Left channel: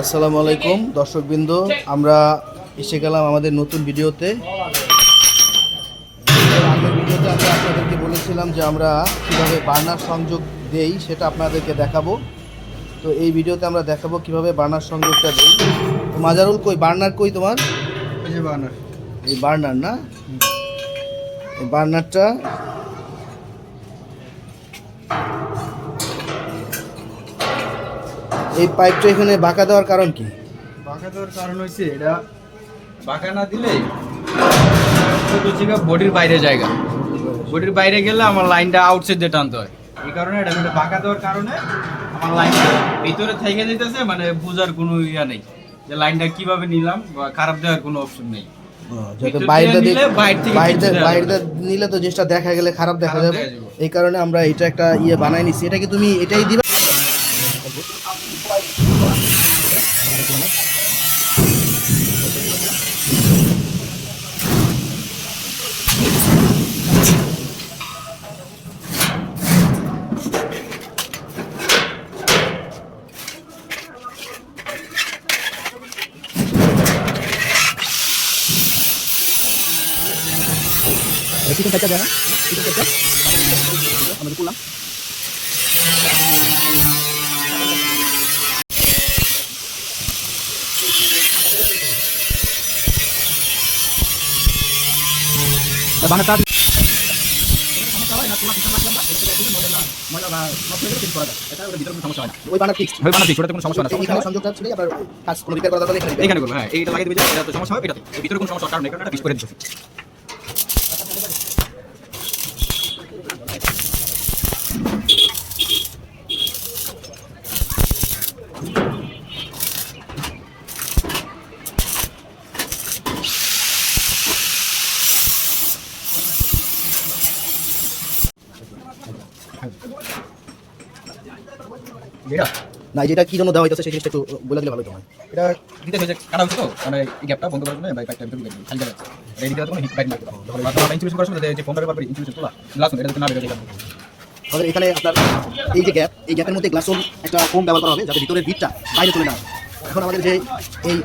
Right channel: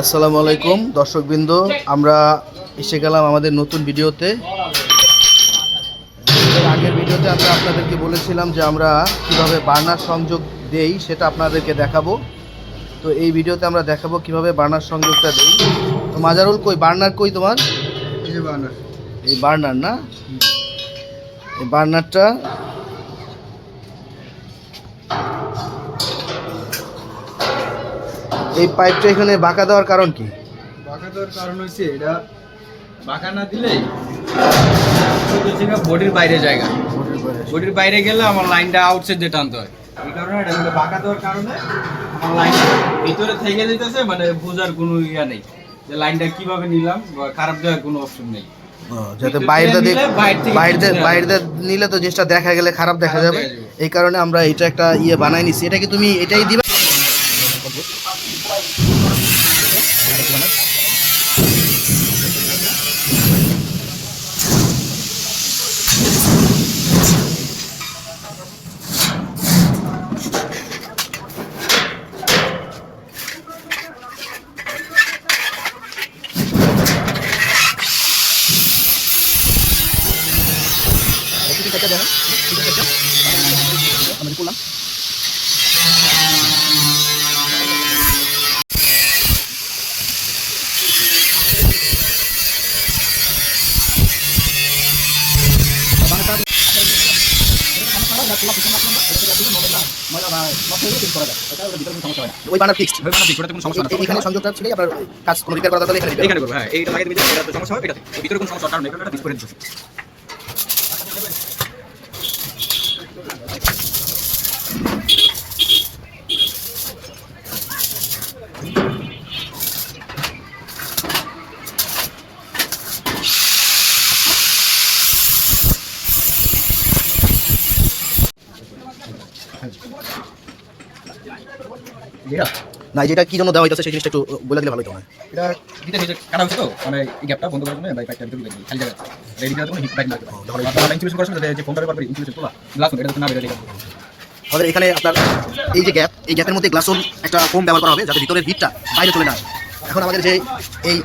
আসসালামু আলাইকুম দর্শকবৃন্দ আমরা এসে গেলাম আমাদের নতুন ভিডিওতে। আগের ভিডিওতে আমরা আপনাদেরকে বলেছিলাম যে আমরা কীভাবে বার্নার সংযোগ দেই সেটা আপনাদেরকে দেখাবো। তো এই ভিডিওতে আমরা দেখাবো কীভাবে বার্নার সংযোগটা দেই। তো মাজারুল কই? বার্নার কই তোমার? এই বার্নার না? এই বার্নারটা এই পাইপটা এখানে বাঁকা দেওয়ার কারণ কি? বাঁকা দেওয়ার কারণ হচ্ছে এটা বাঁকা না দিলে বডির বাইরে জায়গা। বডির বাইরে গেলে আমার লাইনটা আউটসাইড দিয়ে টানতে হয়। এই কারণে এটা হলো বাঁকা দেওয়ার কারণে আমার লাইনটা ভিতরে থেকে যেতেছে মানে বোঝার কোনো ইয়া নেই যে লাইনটা কীভাবে নিলাম বা খারাপ দেওয়ার কোনো অপশন নেই। যাতে বাইরে বাইরে বাইরে নিলে তো জিনিসটা দেখা গেলে খারাপ দেখা যাবে। এই কারণে আমরা এটা একটা ইয়ে বানাই নিছি। এটা কি তুমি এটাই দিবে? banget Itu saja dah. Itu saja. Sampai pulang. ওই বানার ফিক্সড এখানে সংযোগটা ছিল আপনার কাজ কোনো রিপেয়ার করা দরকার এখানে এখানে করব হ্যাঁ এইটা লাগিয়ে দিবি এটা তো সমস্যা হবে এটাতে। ভিতরে কোনো সমস্যা কারণ এটা পিস করে দিচ্ছি না যেটা কি জন্য দেওয়া হইতেছে সেই জিনিসটা একটু বলে দিলে ভালো হতো না এটা দিতে হয়েছে কাটা হচ্ছে তো মানে এই গ্যাপটা বন্ধ করার জন্য বাই পাইপটা ভিতরে ঢুকে খালি জায়গা এই দিকে কোনো হিট পাইপ লাগবে। যখন যখন আমরা ইনসুলেশন করার সময় যে ফোনটা ব্যবহার করি ইনসুলেশন তোলা গ্লাস এটা যাতে না বেরোয় আমাদের এখানে আপনার এই যে গ্যাপ এই গ্যাপের মধ্যে গ্লাসন একটা ফোম ব্যবহার করা হবে যাতে ভিতরের হিটটা বাইরে চলে না আসে। এখন আমাদের যে এই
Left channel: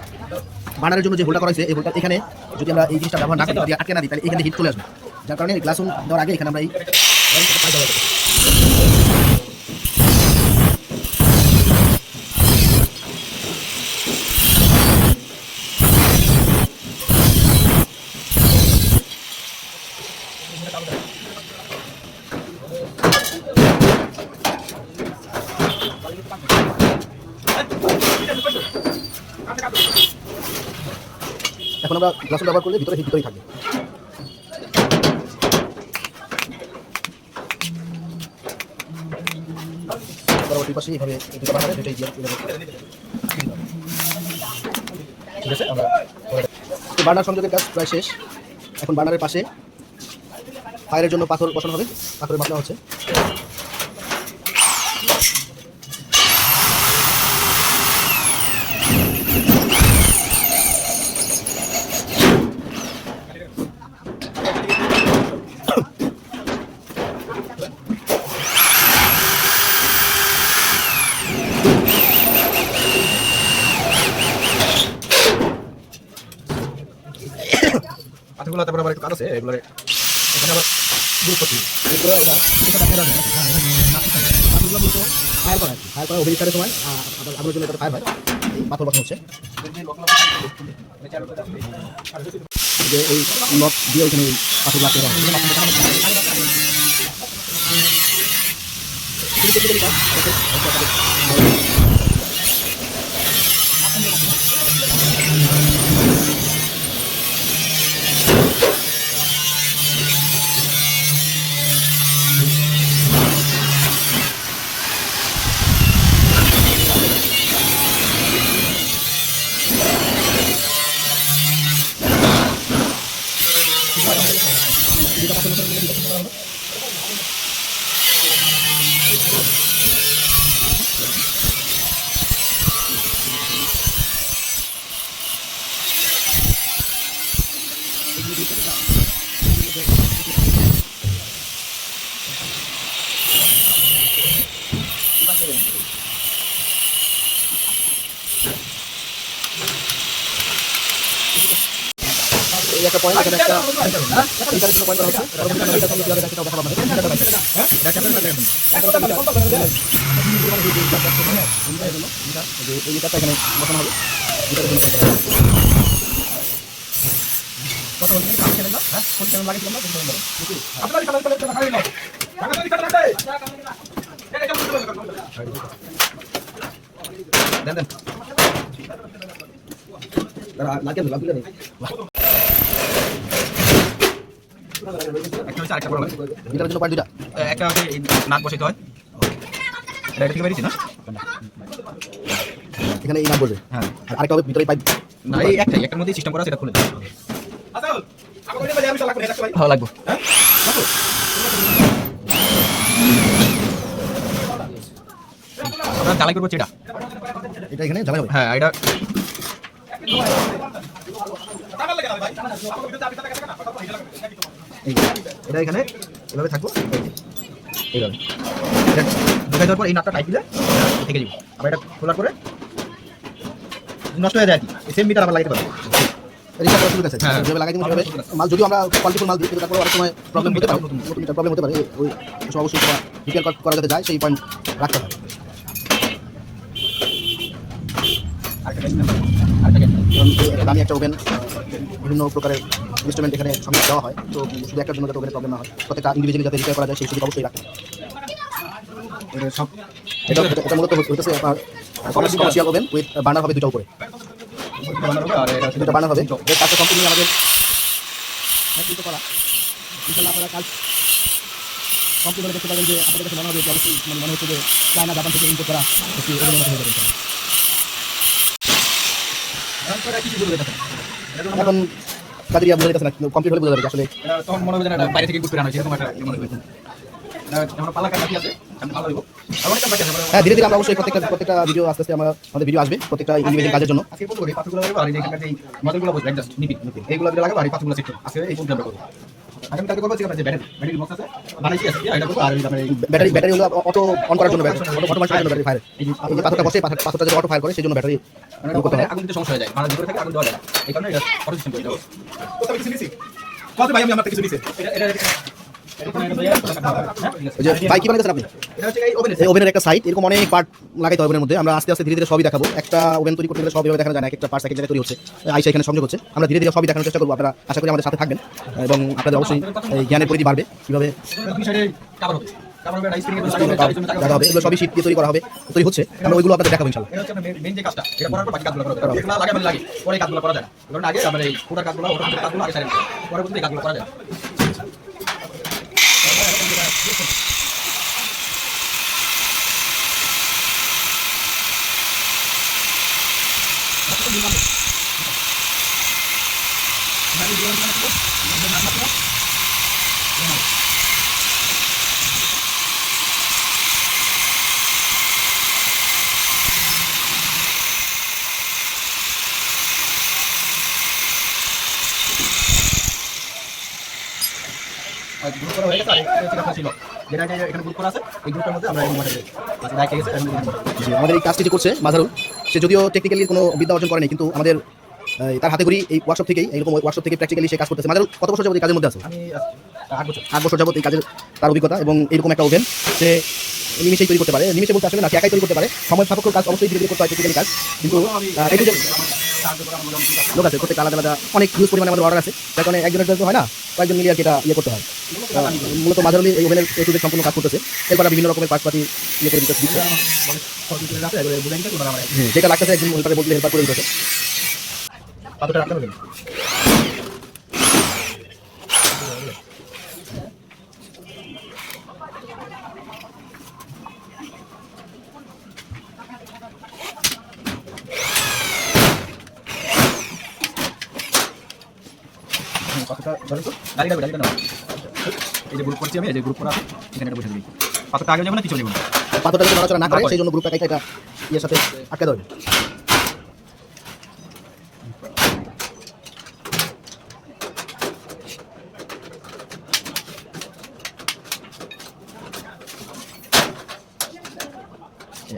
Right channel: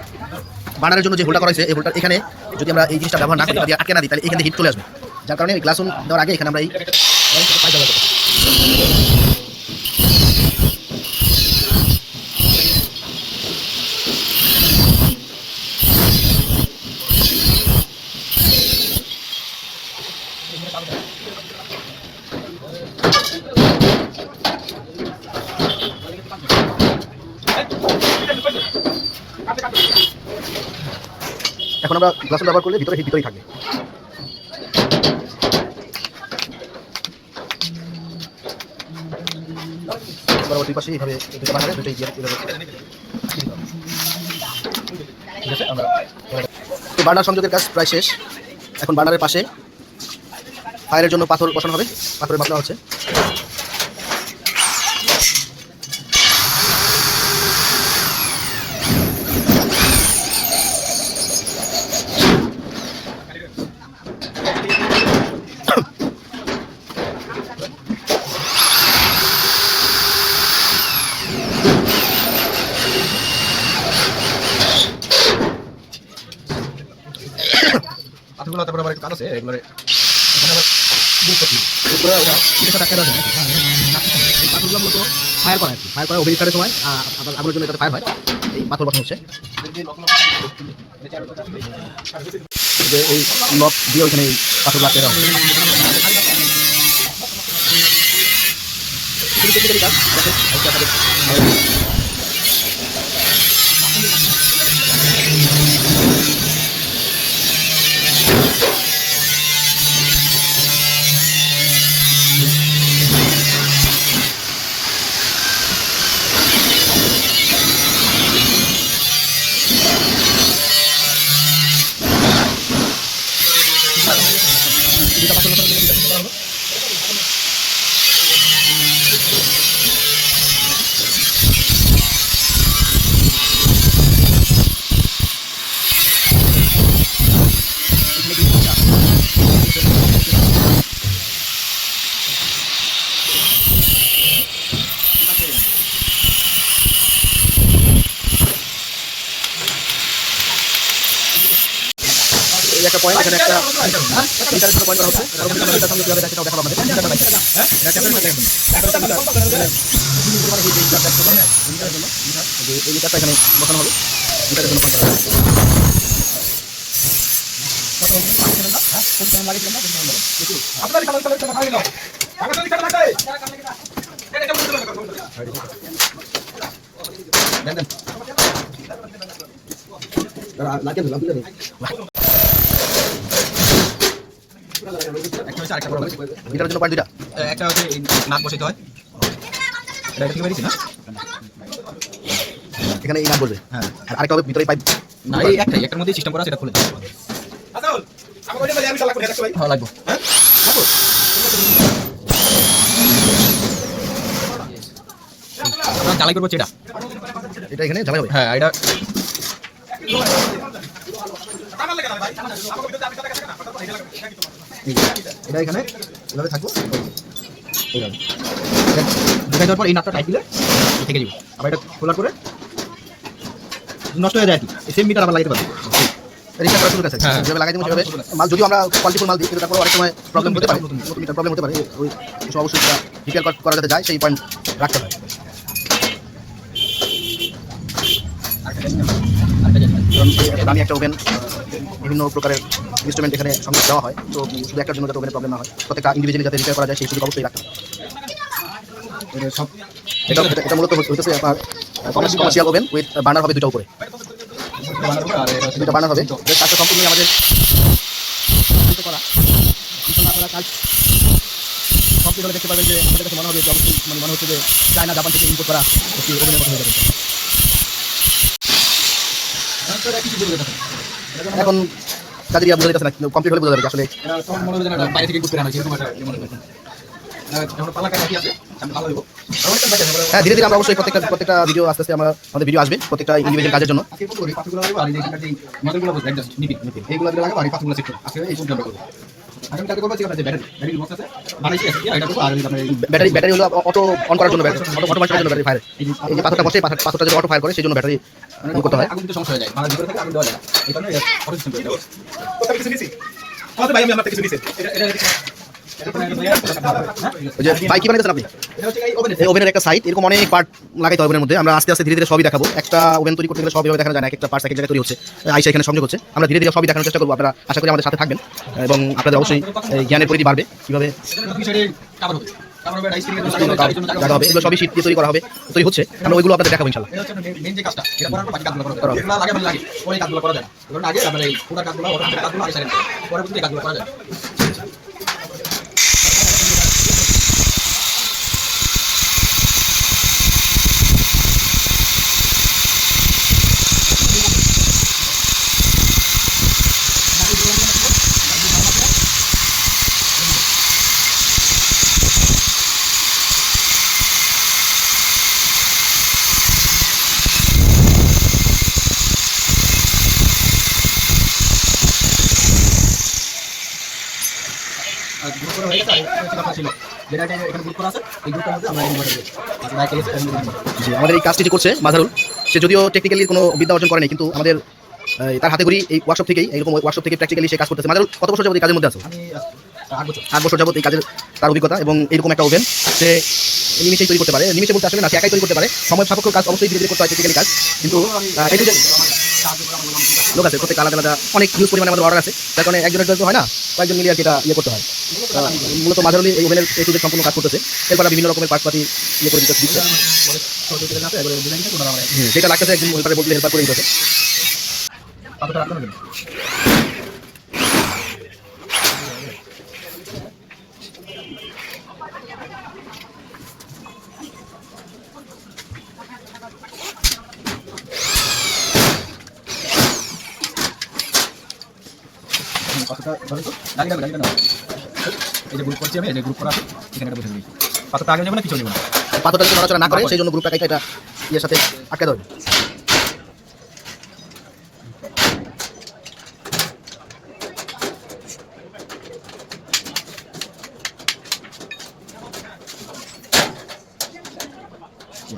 বানারের জন্য যে হোলটা করা হয়েছে এই হোলটা এখানে যদি আমরা এই জিনিসটা ব্যবহার না করি আটকে না দিই তাহলে এখানে হিট চলে আসবে। যার কারণে গ্লাসন দেওয়ার আগে এখানে আমরা এই আমরা গ্লাসন ব্যবহার করলে ভিতরে ভিতরেই থাকবে পরবর্তী পাশে এইভাবে এই দুটো বানারে দুটোই দিয়ে ঠিক আছে, আমরা তো বার্নার সংযোগের কাজ প্রায় শেষ। এখন বার্নারের পাশে ফায়ারের জন্য পাথর বসানো হবে। পাথরের মাপনা হচ্ছে আছে এগুলো এখানে আবার গ্রুপ করছি গ্রুপ করে ওটা সাথে আটকে ফায়ার করা সময় আগুনের জন্য ফায়ার হয় এই পাথর বসানো হচ্ছে যে এই লক দিয়ে ওইখানে পাথর লাগতে দেওয়া হয় পয়েন্ট এখানে একটা মিটারের জন্য পয়েন্ট করা হচ্ছে পরবর্তীতে আমরা মিটার সঙ্গে কীভাবে দেখাবো দেখাবো আপনাদের মিটারটা বাইরে হ্যাঁ চ্যাপ্টারের সাথে একদম চ্যাপ্টারটা মিটার মানে এই যে মিটার দেখতে পাবেন মিটারের জন্য যে এই মিটারটা এখানে বসানো হবে মিটারের জন্য পয়েন্ট করা হবে দেন দেন লাগে না লাগে একটা হচ্ছে আরেকটা প্রবলেম মিটারের জন্য পয়েন্ট দুইটা। একটা হচ্ছে এই নাট বসাইতে হয়। এটা এটা থেকে বেরিয়েছি না? এখানে এই নাম বলবে। হ্যাঁ। আর আরেকটা হবে ভিতরে পাইপ। না এই একটাই একটার মধ্যেই সিস্টেম করা আছে এটা খুলে দিই ভালো লাগবে। আমরা জ্বালাই করব হচ্ছে এটা। এটা এখানে ঝামেলা হবে। হ্যাঁ এটা এই এটা এখানে এভাবে থাকব এইভাবে। ঢুকাই দেওয়ার পর এই নাটটা টাইট দিলে থেকে যাবে। আবার এটা খোলার পরে নষ্ট হয়ে যায় আর কি। সেম মিটার আবার লাগাতে পারবে। রিচার্জ করা শুরু করেছে হ্যাঁ। যেভাবে লাগাই দিবো সেভাবে মাল যদিও আমরা কোয়ালিটিফুল মাল দিই কিন্তু তারপরে অনেক সময় প্রবলেম হতে পারে। নতুন মিটার প্রবলেম হতে পারে। ওই অবশ্যই রিপেয়ার করা যাতে যায় সেই পয়েন্ট রাখতে হয়। আরেকটা আরেকটা কারণ এই একটা ওভেন বিভিন্ন প্রকারের ইনস্ট্রুমেন্ট এখানে সঙ্গে দেওয়া হয়। তো শুধু একটার জন্য যাতে ওভেনের প্রবলেম না হয়। প্রত্যেকটা ইন্ডিভিজুয়ালি যাতে রিপেয়ার করা যায় সেই সুযোগ অবশ্যই রাখতে এটা সব এটা মূলত হইতেছে আপনার কমার্শিয়াল ওভেন উইথ বার্নার হবে দুটো উপরে। দুটো বার্নার হবে। কাজটা সম্পূর্ণ আমাদের করা। আপনারা কাজ কমপ্লিট দেখতে পাবেন যে আমাদের কাছে মনে হবে যে অবশ্যই মানে মনে হচ্ছে যে চায়না জাপান থেকে ইম্পোর্ট করা একটি ওভেনের মতো হয়ে যাবে এখন তাদের বোঝা যাচ্ছে না কমপ্লিট হলে বোঝা যাবে আসলে তখন মনে হবে যেন বাইরে থেকে ইনপুট আনা হয়েছে এরকম একটা ইয়ে মনে হ্যাঁ ধীরে ধীরে আমরা অবশ্যই প্রত্যেকটা প্রত্যেকটা ভিডিও আস্তে আস্তে আমরা আমাদের ভিডিও আসবে প্রত্যেকটা ইন্ডিভিজুয়াল কাজের জন্য। এইগুলো লাগাবো আর এই পাথরগুলো সেট করব। আজকে এই পর্যন্ত করব। আগামী কালকে করব যে আপনার ব্যাটারি ব্যাটারি বক্স আছে বানাইছি আছে এটা করব আর ওই আপনার এই ব্যাটারি ব্যাটারি হলো অটো অন করার জন্য ব্যাটারি অটো অটো করার জন্য ব্যাটারি ফায়ার এই যে যে পাথরটা বসে পাথর- পাথরটা যদি অটো ফায়ার করে সেই জন্য ব্যাটারি করতে হয়। আগুন সমস্যা হয়ে যায় মানে ভিতরে থেকে আগুন দেওয়া যায়। এই কারণে অটো সিস্টেম করে এটা ওই যে কি বানাইছেন আপনি? এই ওভেনের একটা সাইড এরকম অনেক পার্ট লাগাইতে ওভেনের মধ্যে। আমরা আস্তে আস্তে ধীরে ধীরে সবই দেখাবো। একটা ওভেন তৈরি করতে গেলে সব দেখানো যায় না একটা পার্টস এক জায়গায় তৈরি হচ্ছে। আইসা এখানে সংযোগ হচ্ছে। আমরা ধীরে ধীরে সবই দেখানোর চেষ্টা করব। আপনারা আশা করি আমাদের সাথে থাকবেন এবং আপনাদের অবশ্যই জ্ঞানের পরিধি বাড়বে। কীভাবে এগুলো সবই শীত দিয়ে তৈরি করা হবে। তৈরি হচ্ছে। আমরা ওইগুলো আপনাদের দেখাবো ইনশাল্লাহ কাজগুলো করা যায় কারণ আগে আমরা এই পুরো কাজগুলো করা যায়। ছিল। যেটা এখানে গ্রুপ করা আছে এই মধ্যে আমরা আমাদের এই কাজটি যে করছে মাজারুল সে যদিও টেকনিক্যালি কোনো বিদ্যা অর্জন করেনি কিন্তু আমাদের তার হাতে করি এই ওয়ার্কশপ থেকেই এইরকম ওয়ার্কশপ থেকে প্র্যাকটিক্যালি সে কাজ করতেছে। মাজারুল কত বছর যাবত এই কাজের মধ্যে আছে? আট বছর। যাবত এই কাজের তার অভিজ্ঞতা এবং এরকম একটা ওভেন সে নিমিশেই তৈরি করতে পারে। নিমিশে বলতে আসলে না সে একাই তৈরি করতে পারে। সময় সাপেক্ষ কাজ অবশ্যই ধীরে ধীরে করতে হয় টেকনিক্যালি কাজ। কিন্তু লোক আছে প্রত্যেক আলাদা আলাদা অনেক হিউজ পরিমাণে আমাদের অর্ডার আছে। যার কারণে একজনের জন্য হয় না কয়েকজন মিলিয়ে আর কি এটা ইয়ে করতে হয়। মূলত মাঝারলি এই ওভেনের এ টু সম্পূর্ণ কাজ করতেছে। এরপর বিভিন্ন রকমের পাশপাতি ইয়ে করে দিতে যেটা লাগতেছে একজন হেল্পারে বলতে হেল্পার করে দিতেছে। পাথরটা রাখতে হবে পাথরটা ধরেন তো গাড়িটা গাড়িটা নাও। এই যে গ্রুপ করছি আমি এই যে গ্রুপ করা এখানে এটা বসে দিই পাথরটা আগে যাবে না পিছনে যাবে না? পাথরটা যদি নড়াচড়া না করে সেই জন্য গ্রুপটাকে এটা ইয়ের সাথে আটকে দেবে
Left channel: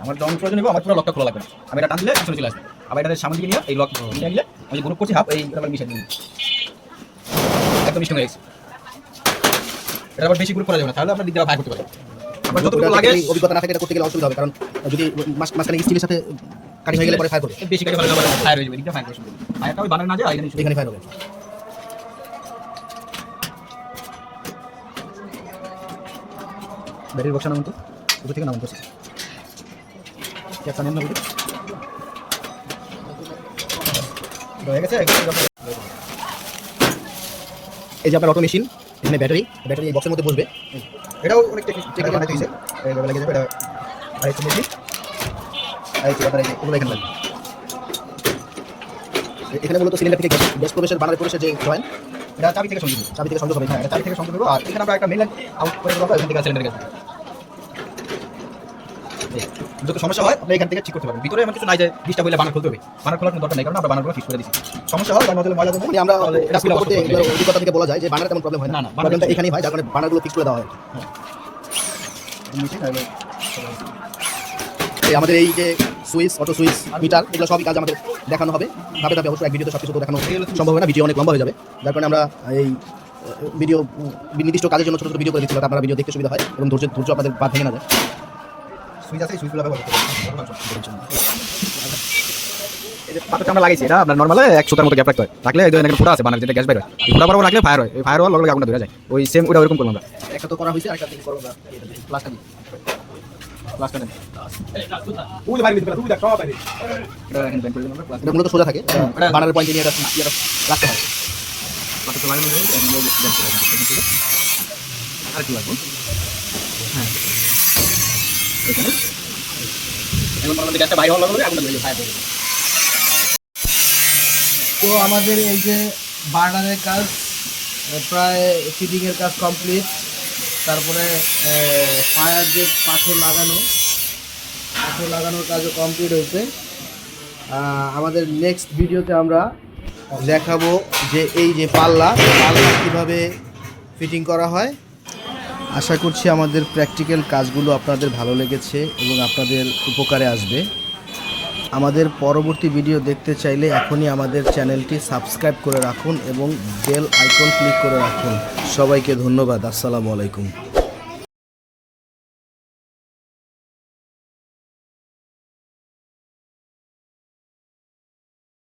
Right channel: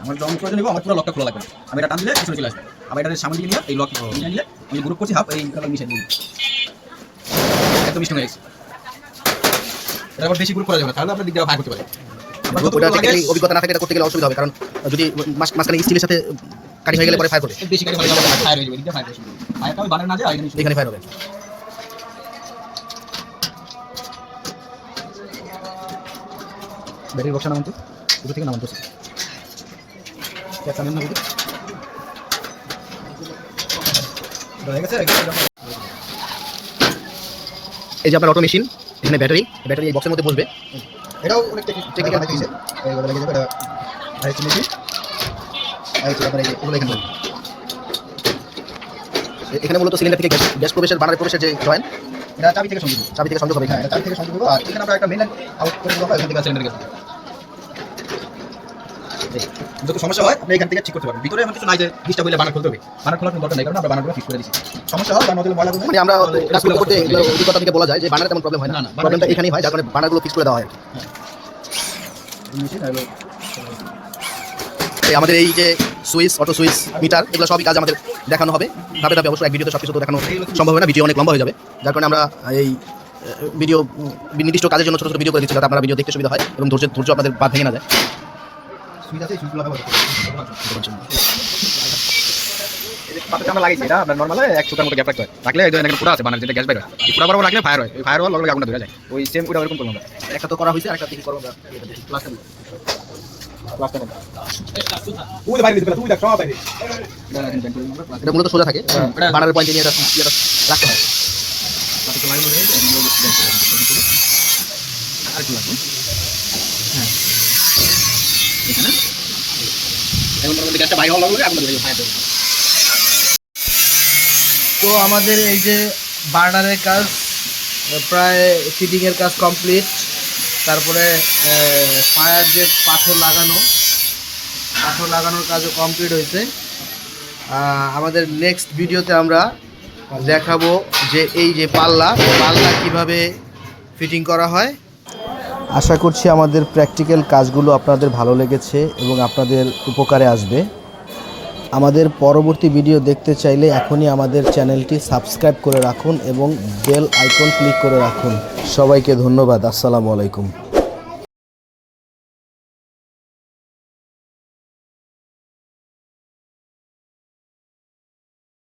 আমার যখন প্রয়োজন হবে আমার পুরো লকটা খোলা লাগবে। আমি এটা টান দিলে পিছনে চলে আসবে। আবার এটা সামনে দিকে নিয়ে এই লক নিয়ে নিলে আমি গ্রুপ করছি হাফ এই মিশিয়ে দিই। একদম স্ট্রং হয়ে গেছে এটা আবার বেশি গ্রুপ করা যাবে না তাহলে আপনার দিক দিয়ে করতে পারে। আপনার ওটা যতটুকু লাগে technically অভিজ্ঞতা না থাকে এটা করতে গেলে অসুবিধা হবে কারণ যদি মাঝ- মাঝখানে স্টিলের সাথে কাটি হয়ে গেলে পরে ফায়ার করবে। বেশি ফায়ার হয়ে যাবে দিক ফায়ার করবে। ফায়ারটা ওই বানার না যায় এখানে ফায়ার হবে। ব্যাটারি বক্স নামান তো। উপর থেকে নামান তো। ক্যাপটা না বুঝি হয়ে গেছে এই যে আপনার অটো মেশিন এখানে ব্যাটারি ব্যাটারি এই বক্সের মধ্যে বসবে। এটাও অনেক টেকনিক্যাল আছে। এইভাবে লেগে যাবে এটা আর হচ্ছে মেশিন আর হচ্ছে আপনার এই যে এগুলো এখানে এখানে মূলত সিলিন্ডার থেকে গ্যাস গ্যাস প্রবেশের বানার প্রবেশের যে জয়েন্ট এটা চাবি থেকে সংযোগ চাবি থেকে সংযোগ হবে। হ্যাঁ চাবি থেকে সংযোগ দেবো আর এখানে আমরা একটা মেন আউট করে দেবো এখান থেকে সিলিন্ডার গেছে যত সমস্যা হয় আপনি এখান থেকে ঠিক করতে পারবেন। ভিতরে এমন কিছু নাই যে ডিস্টার্ব হলে বানার খুলতে হবে। বানার খোলার কোনো দরকার নেই কারণ আমরা বানারগুলো ফিক্স করে দিচ্ছি সমস্যা হয় বা নজলে ময়লা মানে আমরা কাজ করতে অভিজ্ঞতা থেকে বলা যায় যে বানার তেমন প্রবলেম হয় না। প্রবলেমটা এখানেই হয় যার কারণে বানারগুলো ফিক্স করে দেওয়া হয়। এই আমাদের এই যে সুইচ অটো সুইচ মিটার এগুলো সবই কাজ আমাদের দেখানো হবে। ধাপে ধাপে অবশ্যই এক ভিডিওতে সব কিছু তো দেখানো সম্ভব হবে না ভিডিও অনেক লম্বা হয়ে যাবে। যার কারণে আমরা এই ভিডিও নির্দিষ্ট কাজের জন্য ছোটো ছোটো ভিডিও করে দিচ্ছি যাতে আপনারা ভিডিও দেখতে সুবিধা হয় এবং ধৈর্য ধৈর্য আপনাদের বাদ ভেঙে না যায়। সুইচ আছে সুইচগুলো ব্যবহার করতে আমরা লাগাইছি এটা আপনার নর্মালে এক সুতার মতো গ্যাপ রাখতে হয়। রাখলে এই যে এখানে আছে বানার যেটা গ্যাস বের হয়। বরাবর লাগলে ফায়ার হয়। ওই ফায়ার হওয়ার লগে লগে আগুনটা ধরে যায়। ওই সেম ওটা ওরকম করলাম একটা তো করা হয়েছে আরেকটা দেখি করব আমরা। এটা মূলত সোজা থাকে। এটা- বানারের পয়েন্টে নিয়ে এটা রাখতে আর একটু লাগবে। হ্যাঁ তো আমাদের এই যে বার্নারের কাজ প্রায় ফিটিংয়ের কাজ কমপ্লিট। তারপরে ফায়ার যে পাথর লাগানো, পাথর লাগানোর কাজও কমপ্লিট হয়েছে। আমাদের নেক্সট ভিডিওতে আমরা দেখাবো যে এই যে পাল্লা পাল্লা কীভাবে ফিটিং করা হয়। আশা করছি আমাদের প্র্যাকটিক্যাল কাজগুলো আপনাদের ভালো লেগেছে এবং আপনাদের উপকারে আসবে। আমাদের পরবর্তী ভিডিও দেখতে চাইলে এখনই আমাদের চ্যানেলটি সাবস্ক্রাইব করে রাখুন এবং বেল আইকন ক্লিক করে রাখুন। সবাইকে ধন্যবাদ। আসসালামু আলাইকুম।